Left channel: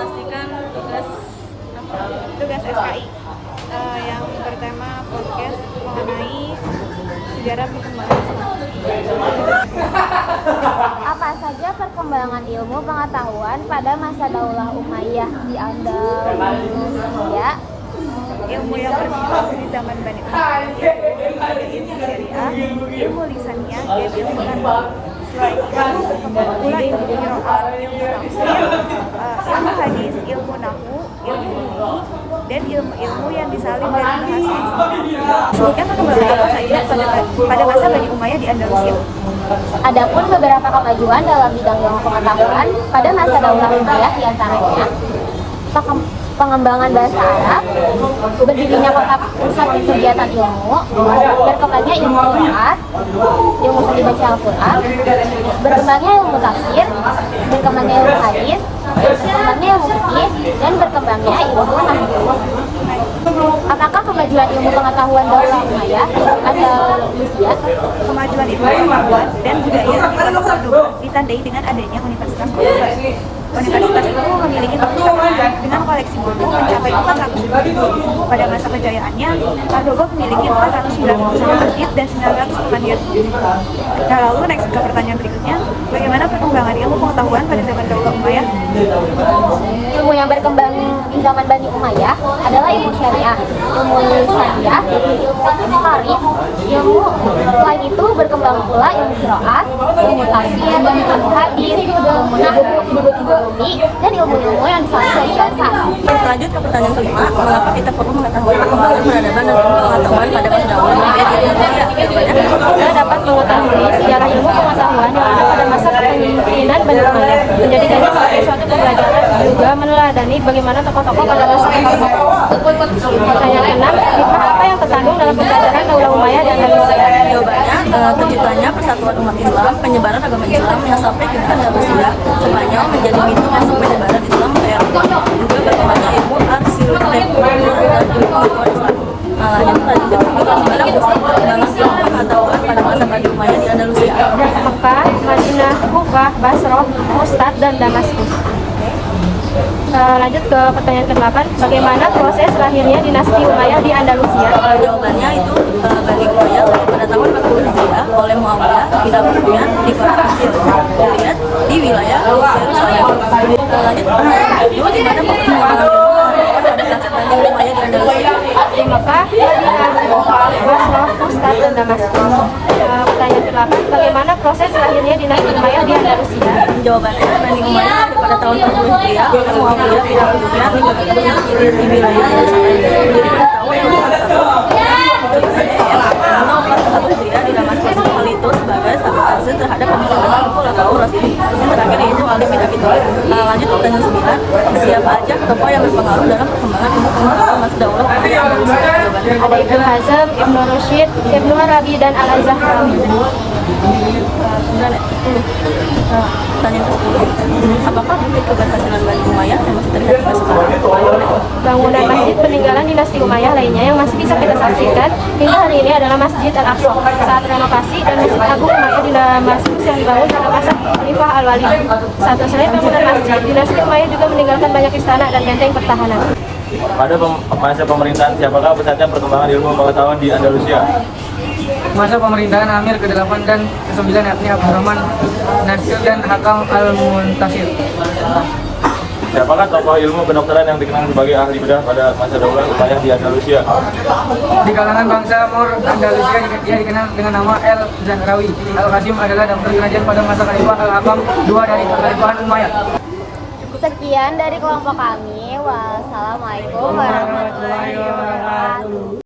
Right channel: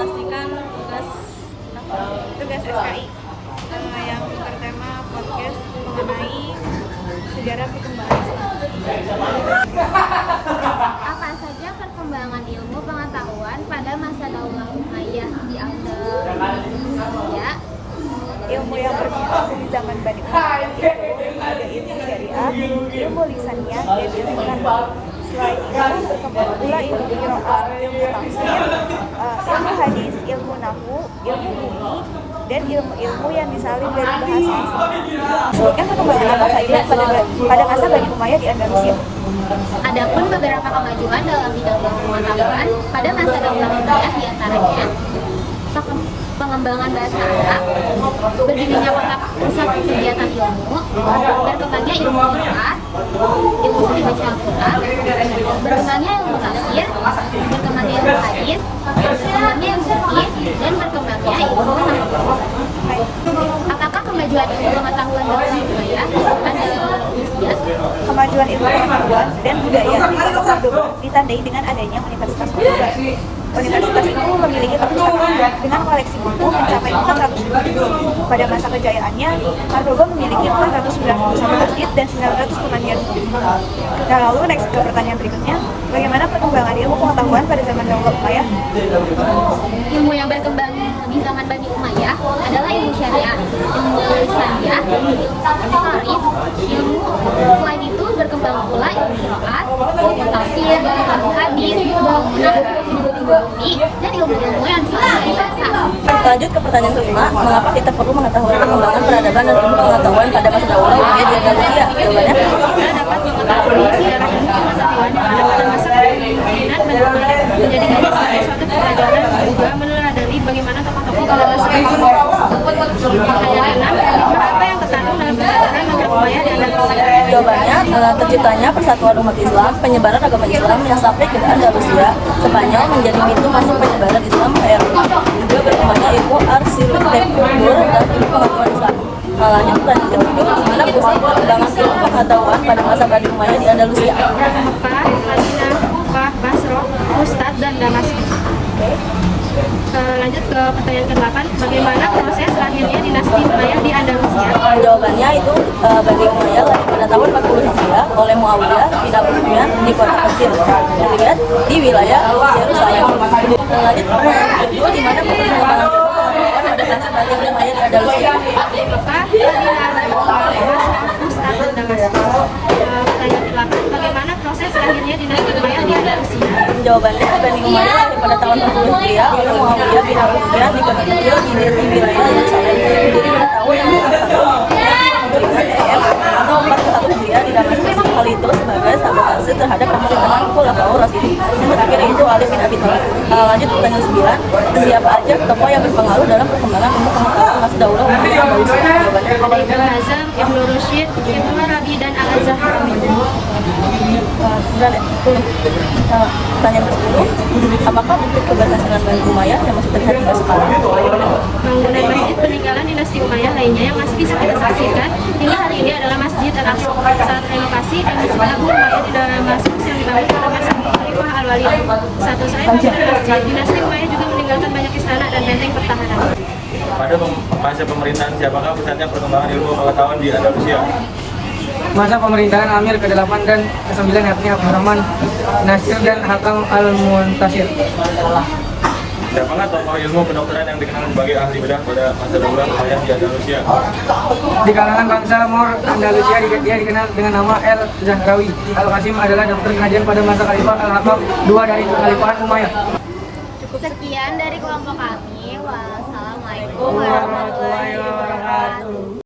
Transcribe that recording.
presentasikan tugas SKI yang bertema podcast mengenai sejarah perkembangan Islam. Apa saja perkembangan ilmu pengetahuan pada masa Daulah Umayyah di Andalusia? Ilmu yang berkembang di zaman Bani Umayyah itu ada ilmu syariah, ilmu lisaniyah, dan ilmu nahwu. Selain itu berkembang pula ilmu qiraat, ilmu tafsir, ilmu hadis, ilmu nahwu, ilmu bumi, dan ilmu-ilmu yang disalin dari bahasa asing. Sebutkan perkembangan apa saja pada masa Bani Umayyah di Andalusia. Adapun beberapa kemajuan dalam bidang ilmu pengetahuan pada masa Daulah Umayyah diantaranya pengembangan bahasa Arab, berdirinya kota pusat kegiatan ilmu, berkembangnya ilmu qiraat, ilmu seni baca Al-Quran, berkembangnya ilmu tafsir, berkembangnya ilmu hadis, berkembangnya ilmu fikih, dan berkembangnya ilmu nahwu. Apakah kemajuan ilmu pengetahuan Daulah Umayyah Andalusia? Kemajuan ilmu pengetahuan dan budaya di Kota Cordoba ditandai dengan adanya Universitas Cordoba. Universitas itu memiliki perpustakaan dengan koleksi buku mencapai 400.000 buku. Pada masa kejayaannya, Cordoba memiliki 491 masjid dan 900 temandian. Nah, lalu next ke pertanyaan berikutnya, bagaimana perkembangan ilmu pengetahuan pada zaman Daulah Umayyah? Ilmu yang berkembang di zaman Bani Umayyah adalah ilmu syariah, ilmu lisaniyah, ilmu tarikh, selain itu berkembang pula ilmu qiraat, ilmu tafsir, ilmu hadis, ilmu nahwu, ilmu bumi, dan ilmu-ilmu yang disalin dari bahasa asing. Lanjut ke pertanyaan kelima, mengapa kita perlu mengetahui perkembangan peradaban dan ilmu pengetahuan pada masa Daulah Umayyah di Indonesia? Jawabannya, Kita dapat mengetahui sejarah ilmu pengetahuan yang ada pada masa kepemimpinan Bani Umayyah, menjadikannya sebagai suatu pembelajaran, juga meneladani bagaimana tokoh-tokoh pada masa tersebut. Pertanyaan keenam, hikmah apa yang terkandung dalam penjajahan Daulah Umayyah di Indonesia? jawabannya terciptanya persatuan umat Islam, penyebaran agama Islam yang sampai ke Andalusia, Spanyol menjadi pintu masuk penyebaran Islam ke Eropa. Juga berkembangnya ilmu arsitektur dan ilmu pengetahuan Islam. Lanjut bagaimana pusat perkembangan ilmu pengetahuan pada masa Bani Umayyah di Andalusia? Mekah, Madinah, Kufah, Basrah, Fustat, dan Damaskus. Lanjut ke pertanyaan ke-8, bagaimana proses lahirnya dinasti Umayyah di Andalusia? Jawabannya itu Bani Umayyah lahir pada tahun 40 Hijriah oleh Muawiyah bin Abi Sufyan di kota kecil dilihat di wilayah Yerusalem. Lanjut pertanyaan kedua, di mana perkembangan ilmu pengetahuan pada masa Bani Umayyah di Andalusia? Di Mekah, Madinah, Kufah, Basrah, Fustat, dan Damaskus. Pertanyaan ke-8, bagaimana proses lahirnya dinasti Umayyah di Andalusia? Jawabannya Bani Umayyah lahir pada tahun 40 Hijriah oleh Muawiyah bin Abi Sufyan di kota kecil dilihat di wilayah Yerusalem. Diri mengetahui yang tahun 41 Hijriah di Damaskus. Hal itu sebagai sabotase terhadap pemerintahan Khulafaur Rasyidin. Yang terakhir itu Ali bin Abi Thalib. Lanjut pertanyaan 9, siapa aja tokoh yang berpengaruh dalam perkembangan ilmu pengetahuan masa Daulah Umayyah Andalusia? Jawabannya Ibnu Hazm, Ibnu Rusyid, Ibnu Arabi, dan Al-Azhar. 10. Pertanyaan ke-10, apakah bukit keberhasilan Bani Umayyah yang masih terlihat hingga sekarang? Bangunan masjid peninggalan dinasti Umayyah lainnya yang masih bisa kita saksikan hingga hari ini adalah Masjid Al-Aqsa saat renovasi dan Masjid Agung Umayyah di Damaskus yang dibangun pada masa Khalifah Al-Walid. Selain bangunan masjid, dinasti Umayyah juga meninggalkan banyak istana dan benteng pertahanan. Pada masa pemerintahan siapakah pusatnya perkembangan ilmu pengetahuan di Andalusia? Masa pemerintahan Amir ke-8 dan ke-9 yakni Abdurrahman Nasir dan Hakam Al-Muntasir. Siapakah tokoh ilmu kedokteran yang dikenal sebagai ahli bedah pada masa Daulah Umayyah di Andalusia? Di kalangan bangsa Moor Andalusia ia dikenal dengan nama El-Zahrawi. Al-Qasim adalah dokter pengajian pada masa Khalifah Al-Hakam II dari Kekhalifahan Umayyah. Sekian dari kelompok kami. Wassalamualaikum warahmatullahi wabarakatuh.